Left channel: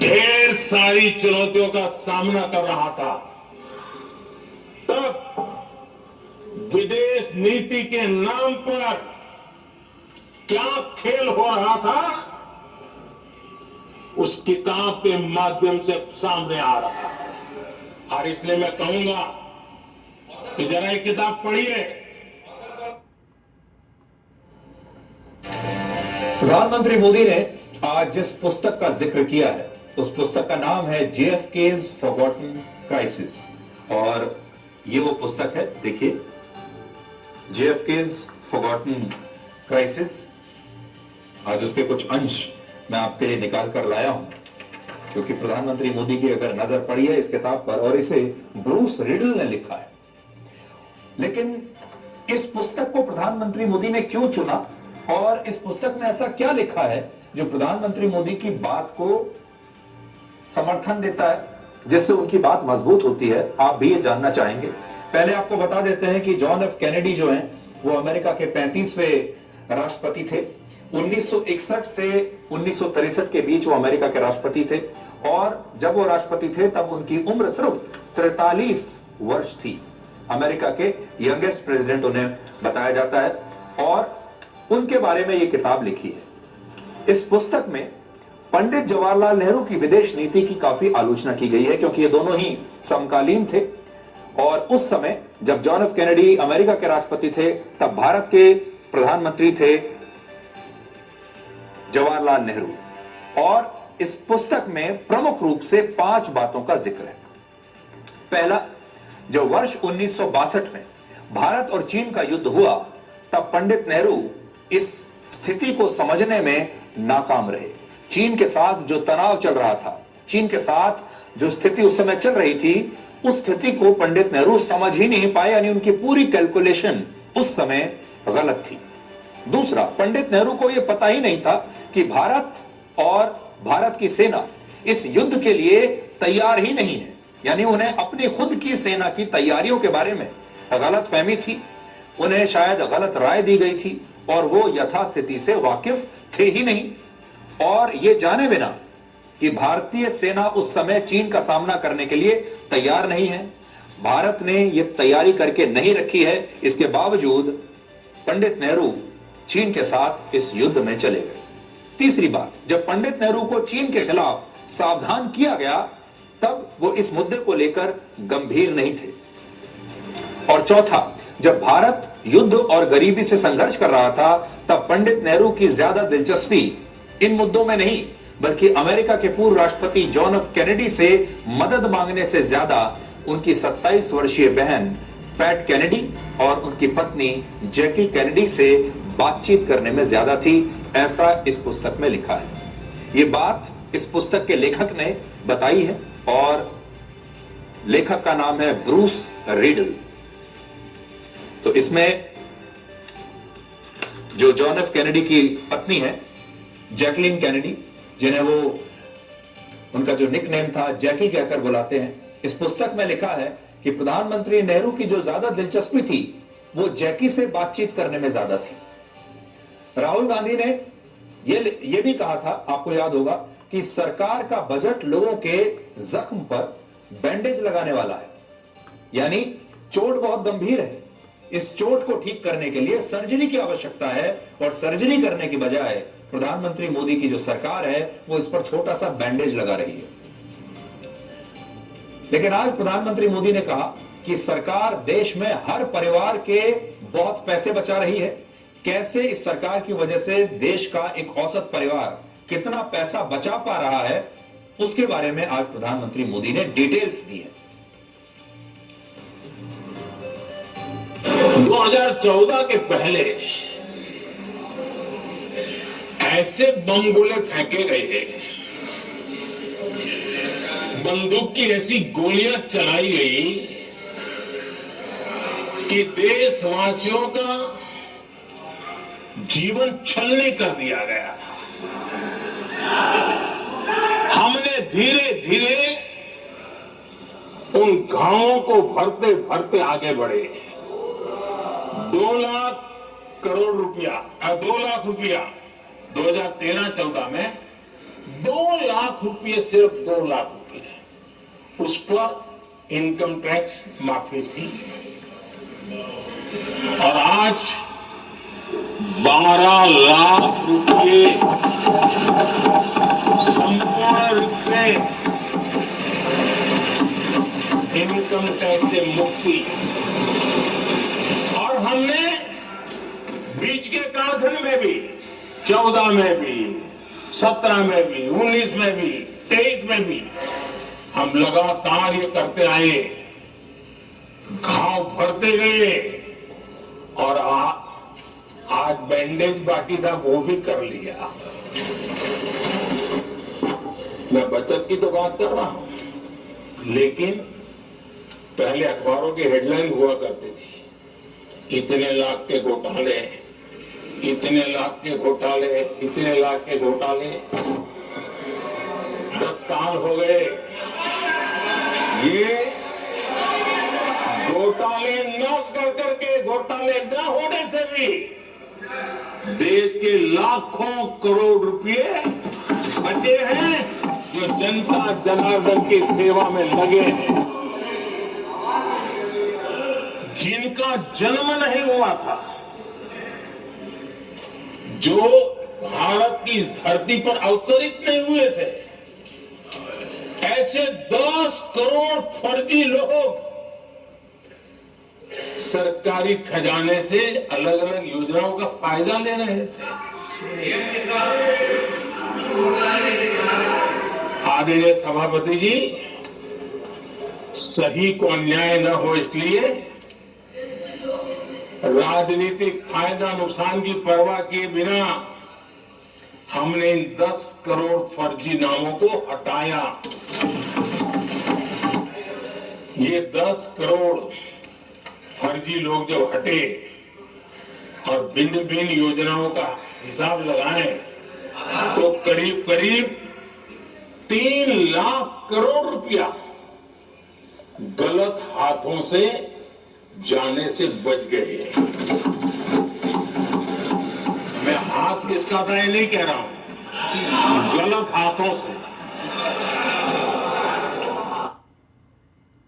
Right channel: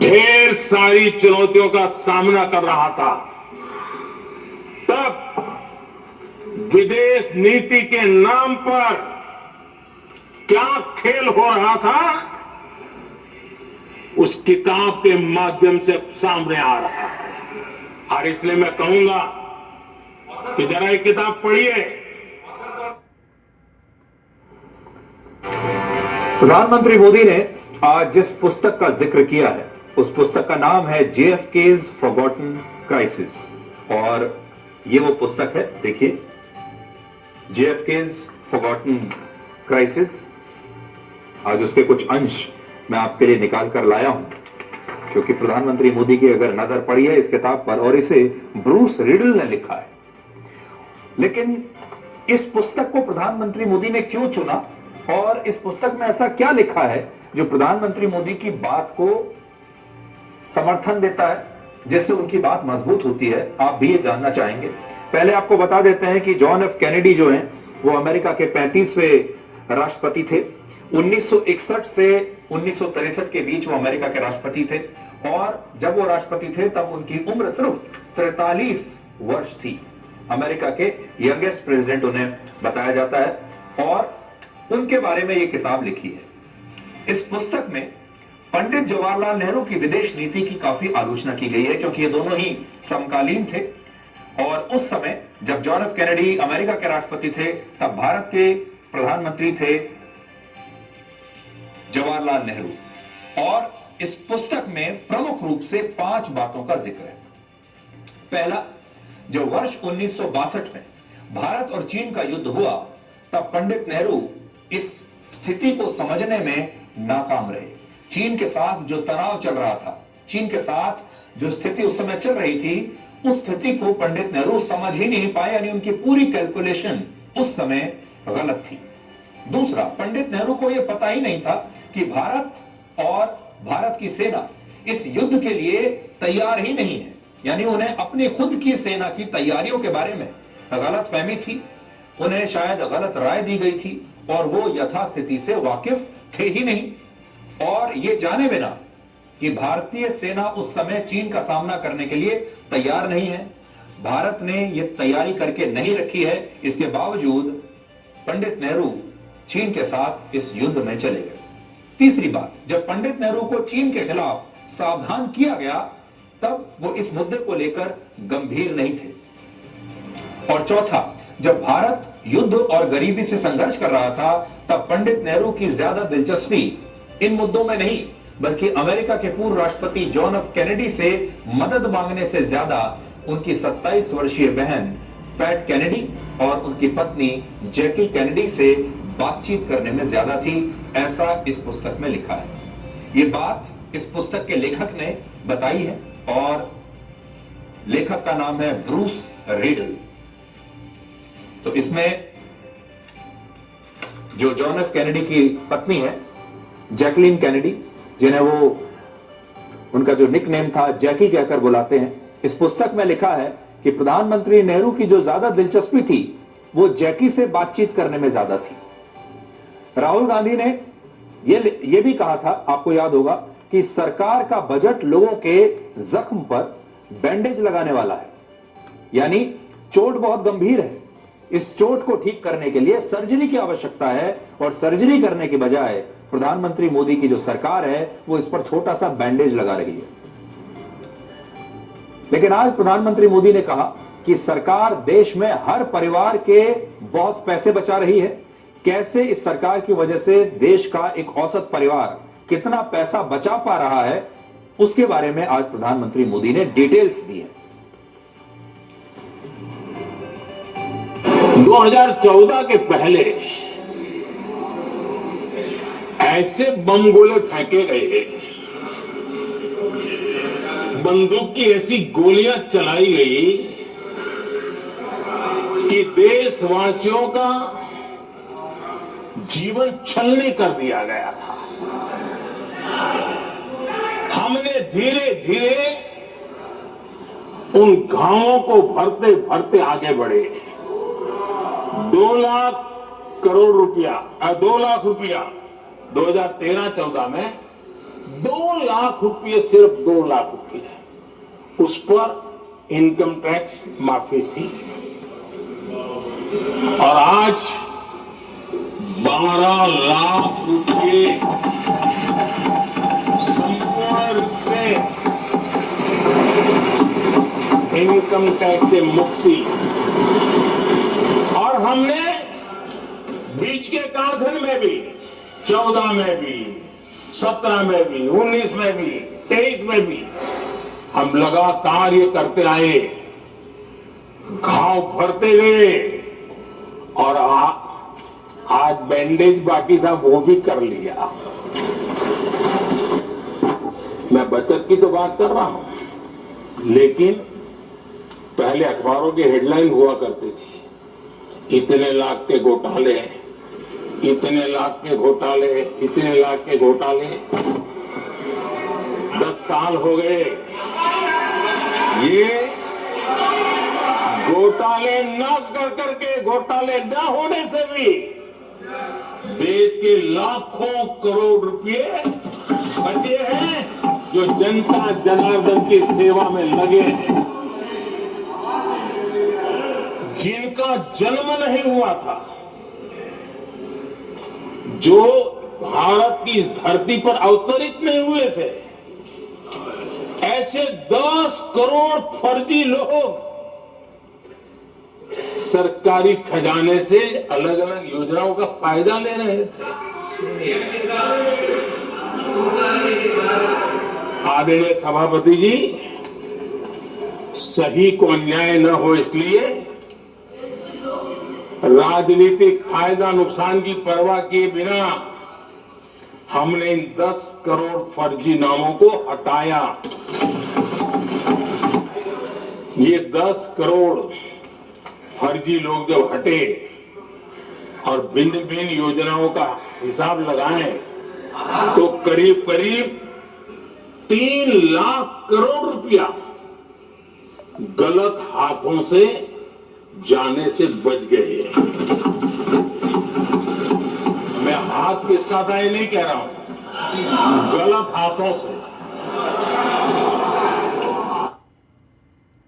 ढेर सारी चुनौतियों का सामना कर रहा था, तब विदेश नीति के नाम पर क्या खेल हो रहा था, उस किताब के माध्यम से सामने आ रहा है। और इसलिए मैं कहूंगा कि जरा एक किताब पढ़िए। प्रधानमंत्री मोदी ने आज जिस पुस्तक का जिक्र किया है, उस पुस्तक का नाम है JFK's फॉरगॉटन क्राइसिस। और ये वो पुस्तक है, देखिए, JFK's फॉरगॉटन क्राइसिस। आज उसके कुछ अंश मैं आपके लिए निकाल कर लाया हूं, क्योंकि प्रधानमंत्री मोदी की अगर नजर पड़ी है इस किताब पर, और इसे ब्रूस रिडल ने लिखा है। लेकिन इस पुस्तक को प्रधानमंत्री मोदी ने क्यों चुना, और इस पुस्तक में ऐसा क्या लिखा है जो प्रधानमंत्री मोदी की बात को समर्थन देता है, जिससे उनकी बात मजबूत होती है, आप भी ये जानना चाहेंगे। पहले आपको बता देते हैं कि जॉन एफ कैनेडी जो हैं, वो अमेरिका के 35वें राष्ट्रपति थे। 1961 से 1963 के बीच वो अमेरिका के राष्ट्रपति थे, और जब वो राष्ट्रपति थे तब उनकी उम्र सिर्फ 43 वर्ष थी। अमेरिका के यंगेस्ट प्रेसिडेंट उन्हें बताया जाता है, और उनके बारे में ये किताब लिखी है। इस पुस्तक में पंडित जवाहरलाल नेहरू की विदेश नीति की काफी आलोचना की गई है, क्योंकि ये दोनों ही समकालीन थे। और उस समय जब जॉन एफ कैनेडी अमेरिका के राष्ट्रपति थे, तब भारत के प्रधानमंत्री थे जवाहरलाल नेहरू। और इस पुस्तक में प्रमुख रूप से 5 बातों का जिक्र है। पहला, जो वर्ष 1962 में भारत और चीन का युद्ध हुआ, तब पंडित नेहरू इस स्थिति को समझने में नाकाम रहे। चीन के साथ जो तनाव चल रहा था, चीन के साथ जो स्थिति उस समय चल रही थी, उस स्थिति को पंडित नेहरू समझ ही नहीं पाए, यानी उनकी पूरी कैलकुलेशन उस समय गलत थी। दूसरा, पंडित नेहरू को यह पता ही नहीं था कि भारत और भारत की सेना इस युद्ध के लिए तैयार ही नहीं है, यानी उन्हें अपनी खुद की सेना की तैयारियों के बारे में गलत फहमी थी, उन्हें शायद गलत राय दी गई थी, और वो यथास्थिति से वाकिफ थे ही नहीं। और ये जाने बिना कि भारतीय सेना उस समय चीन का सामना करने के लिए तैयार नहीं है, भारत ने ये तैयारी करके नहीं रखी है, इसके बावजूद पंडित नेहरू चीन के साथ इस युद्ध में चले गए। तीसरी बात, जब पंडित नेहरू को चीन के खिलाफ सावधान किया गया, तब वो इस मुद्दे को लेकर गंभीर नहीं थे। और चौथा, जब भारत युद्ध और गरीबी से संघर्ष कर रहा था, तब पंडित नेहरू की ज्यादा दिलचस्पी इन मुद्दों में नहीं, बल्कि अमेरिका के पूर्व राष्ट्रपति जॉन एफ कैनेडी से मदद मांगने से ज्यादा उनकी 27 वर्षीय बहन पैट कैनेडी और उनकी पत्नी जैकी कैनेडी से बातचीत करने में ज्यादा थी, ऐसा इस पुस्तक में लिखा है। ये बात इस पुस्तक के लेखक ने बताई है, और लेखक का नाम है ब्रूस रिडल। तो इसमें जो जॉन एफ कैनेडी की पत्नी है, जैकलीन कैनेडी, जिन्हें वो उनका जो निकनेम था जैकी कहकर बुलाते हैं, इस पुस्तक में लिखा है कि प्रधानमंत्री नेहरू की जो ज्यादा दिलचस्पी थी, वो जैकी से बातचीत करने में ज्यादा थी। राहुल गांधी ने ये भी कहा था, आपको याद होगा, कि सरकार का बजट लोगों के जख्म पर बैंडेज लगाने वाला है, यानी चोट बहुत गंभीर है, इस चोट को ठीक करने के लिए सर्जरी की आवश्यकता है, और सर्जरी करने की बजाय प्रधानमंत्री मोदी की जो सरकार है वो इस पर छोटा सा बैंडेज लगा रही है। लेकिन आज प्रधानमंत्री मोदी ने कहा कि सरकार देश में हर परिवार के बहुत पैसे बचा रही है। कैसे इस सरकार की वजह से देश का एक औसत परिवार कितना पैसा बचा पा रहा है, उसके बारे में आज प्रधानमंत्री मोदी ने डिटेल्स दी है। 2014 के पहले ऐसे बम गोले फेंके गए, बंदूक की ऐसी गोलियां चलाई गई कि देशवासियों का जीवन छलनी कर दिया गया था। हमने धीरे धीरे उन घावों को भरते भरते आगे बढ़े। 2 लाख रुपया 2013-14 में 2 लाख रुपये सिर्फ 2 लाख रुपये, उस पर इनकम टैक्स माफी थी। और आज 12 लाख रुपये संपूर्ण रूप से इनकम टैक्स से मुक्ति। और हमने बीच के कालखंड में भी 14 में भी, 17 में भी, 19 में भी, 23 में भी हम लगातार ये करते आए, घाव भरते गए। और आज बैंडेज बाकी था, वो भी कर लिया। मैं बचत की तो बात कर रहा हूं, लेकिन पहले अखबारों की हेडलाइन हुआ करती थी, इतने लाख के घोटाले, इतने लाख के घोटाले, इतने लाख के घोटाले। 10 साल हो गए, ये घोटाले न कर करके, घोटाले न होने से भी देश के लाखों करोड़ रुपए बचे हैं, जो जनता जनार्दन की सेवा में लगे हैं, जिनका जन्म नहीं हुआ था, जो भारत की इस धरती पर अवतरित नहीं हुए थे। ऐसे 10 करोड़ फर्जी लोग सरकारी खजाने से अलग अलग योजनाओं का फायदा ले रहे थे। आदरणीय सभापति जी, सही को अन्याय न हो इसलिए राजनीतिक फायदा नुकसान की परवाह किए बिना हमने इन 10 करोड़ फर्जी नामों को हटाया। ये 10 करोड़ फर्जी लोग जब हटे और भिन्न भिन्न योजनाओं का हिसाब लगाएं, तो करीब करीब 3 लाख करोड़ रुपया गलत हाथों से जाने से बच गए। मैं हाथ किसका था ये नहीं कह रहा हूं, गलत हाथों से।